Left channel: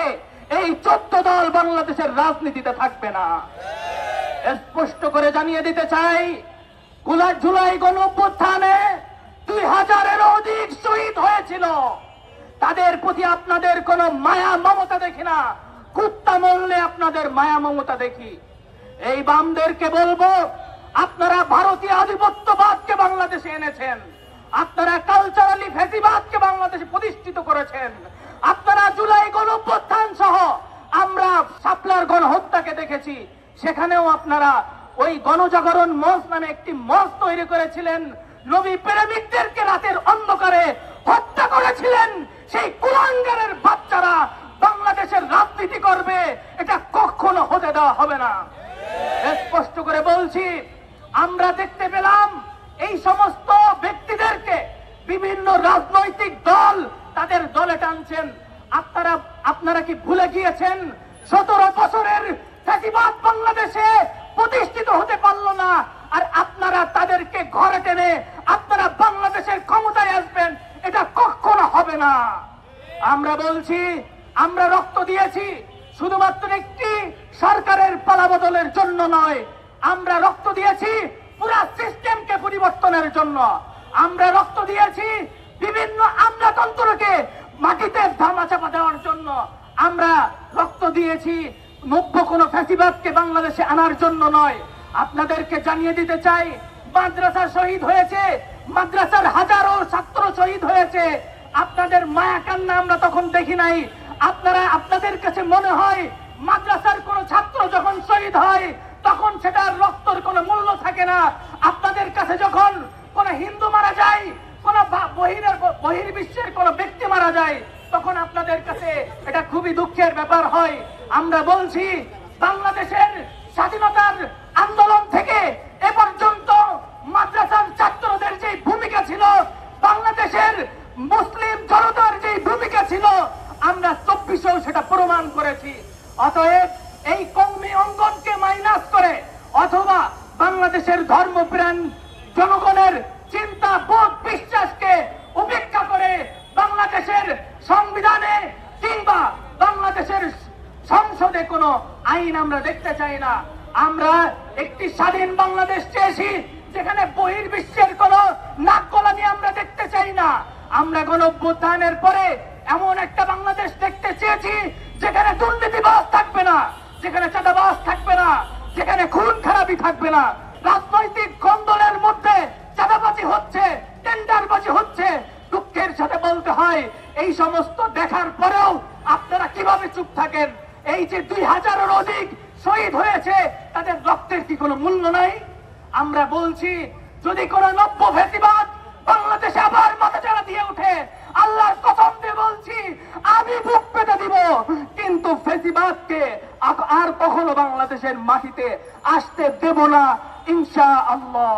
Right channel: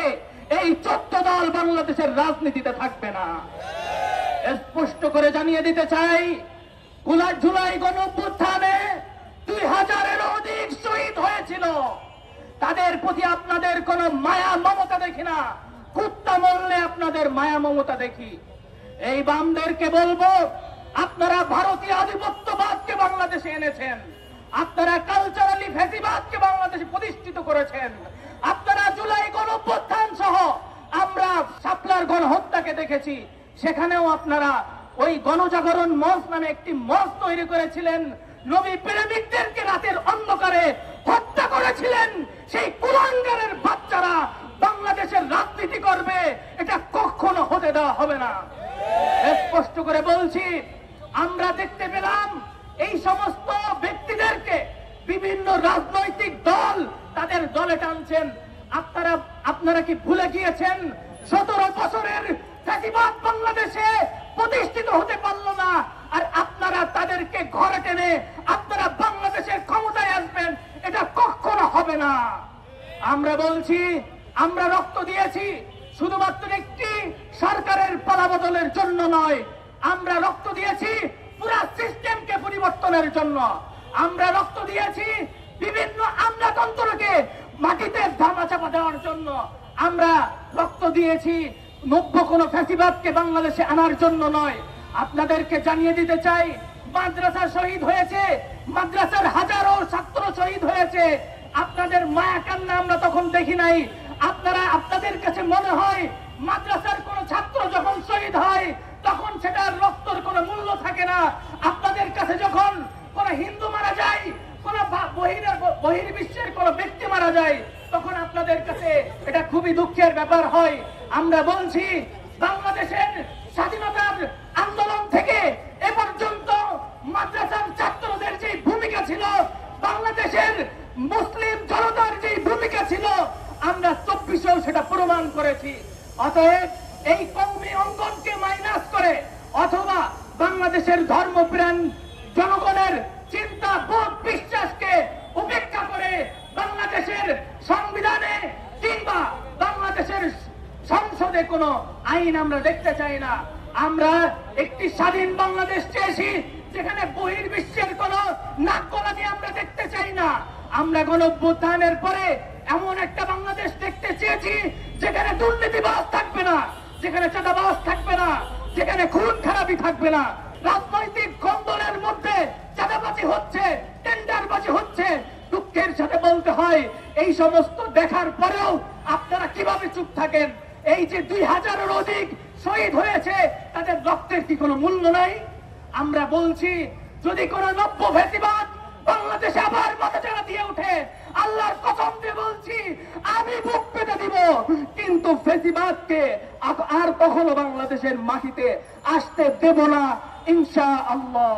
পরে এই 14 দল বাংলাদেশের রাজনীতিতে থাকবে না। স্পষ্ট করে জানিয়ে দিতে চাই, জুলাই গণঅভ্যুত্থানে 2000-এরও অধিক শহীদ হয়েছিল। তাদের প্রতি আপনাদের কোনো মায়া মমতা দেখি না, কুত্তা মরলে আপনাদের মায়া মমতা দেখি। এই বামদেরকে বলবো, আপনারা ভারতীয় আধিপত্যবাদকে বাংলাদেশে এনেছেন, আপনারা কালচারালি ফ্যাসিবাদকে বাংলাদেশে প্রতিষ্ঠিত করেছেন, আপনারা জুলাই গণঅভ্যুত্থান সহ আমরা শাপলার গণহত্যাকে দেখেছি, সেখানেও আপনারা ওই গণজাগরণ মঞ্চ নামে একটি মঞ্চ তৈরি করেছিলেন, নবী প্রেমিকদেরকে রাতের অন্ধকারে হত্যা করেছিলেন। সেই কুলাঙ্গারের বাচ্চারা বাংলাদেশের রাজনীতি করবে, এটা কখনো হতে দেওয়া হবে না। স্পষ্ট করে বলছি, আমরা দেখতে পেলাম এই সমস্ত ব্যক্তিদেরকে বিভিন্ন রাজনৈতিক দল তাদের দলে টানছেন। আপনারা কি ভুলে গিয়েছেন 17 বছরের ফ্যাসিবাদ বাংলাদেশে প্রতিষ্ঠিত হতে পারলো না, আর আপনারা তাদেরকে ঘরে টেনে আপনারা বাংলাদেশের ক্ষমতায় আসবেন, এটা কখনো হবে না। আমরা বলছি, আমরা রক্ত দিয়েছি শুধুমাত্র একটি সরকারের পালাবদলের জন্য নয়, আমরা রক্ত দিয়েছি পুরা সিস্টেমকে পরিবর্তনের জন্য, আমরা রক্ত দিয়েছি বিভিন্ন আমলাতন্ত্রকে মাটিতে ধামাচাপা দেওয়ার জন্য, আমরা রক্ত দিয়েছি নব্য কোন ফ্যাসিবাদকে বাংলাদেশে আনার জন্য নয়। আপনাদেরকে জানিয়ে দিতে চাই, মাদ্রাসা শহীদ হয়েছে, মাদ্রাসার হাজারো ছাত্র শহীদ হয়েছে, আপনাদের মায়া কান্না আমরা তখন দেখি নাই। আপনাদের কাছে মনে হয় মাদ্রাসার কোন ছাত্র যখন শহীদ হয় তখন সেটার রক্তের কোনো মূল্য থাকে না। আপনাদের কাছে যখন কোন হিন্দু মারা যায়, কোন বহির্বিশ্বের কোন ব্যক্তি মারা যায়, তখন আপনাদের কাছে এটা খুবই দুঃখের ব্যাপার হয়। আমরা বলছি, বাংলাদেশের স্বাধীনতার আন্দোলন থেকে এ পর্যন্ত মাদ্রাসার ছাত্রদের যে ভূমিকা ছিল, বাংলাদেশের মুসলিম জনতার যে ভূমিকা ছিল, আমরা 24-এও সেটা প্রমাণ করেছি। অতএব এই কওমি অঙ্গনকে মাইনাস করে অথবা বাংলাদেশের ধর্মপ্রাণ জনগণের চিন্তা, বোধ, বিশ্বাসকে উপেক্ষা করে বাংলাদেশের সংবিধানে কিংবা বাংলাদেশের সংসদে কোনো আইন আমরা দেখতে চাই না। আমরা একটি স্বাধীন বাংলাদেশ চেয়েছি, যেখানে বহির্বিশ্বের কোন নাক গলানি আমরা দেখতে চাই না। আমরা গণঅভ্যুত্থানের পরে এমন একটা বাংলাদেশ দেখতে চেয়েছি যেখানে দুর্নীতিবাজ থাকবে না, যেখানে চাঁদাবাজ থাকবে না, যেখানে খুন খারাপি থাকবে না। রাজনৈতিক কন্দলের মধ্যে চাঁদাবাজি হচ্ছে, টেন্ডারবাজি হচ্ছে। দুঃখের সাথে বলতে হয়, এই সমস্ত দেখার পরেও আপনারা কিভাবে চুপ থাকেন? এই যে 2000-এর অধিক শহীদ হয়েছে, তাদের রক্তের কি কোনো মূল্য নাই? আমরা বলছি, যদি কোন নব্য ফ্যাসিবাদ বাংলাদেশে আবার মাথাচাড়া দিয়ে উঠে, আল্লাহর কসম দিয়ে বলছি, আমি বুক পেতে দিব, কিন্তু ফ্যাসিবাদকে আর কখনো বাংলাদেশের মাটিতে আসতে দেব না, ইনশাআল্লাহ।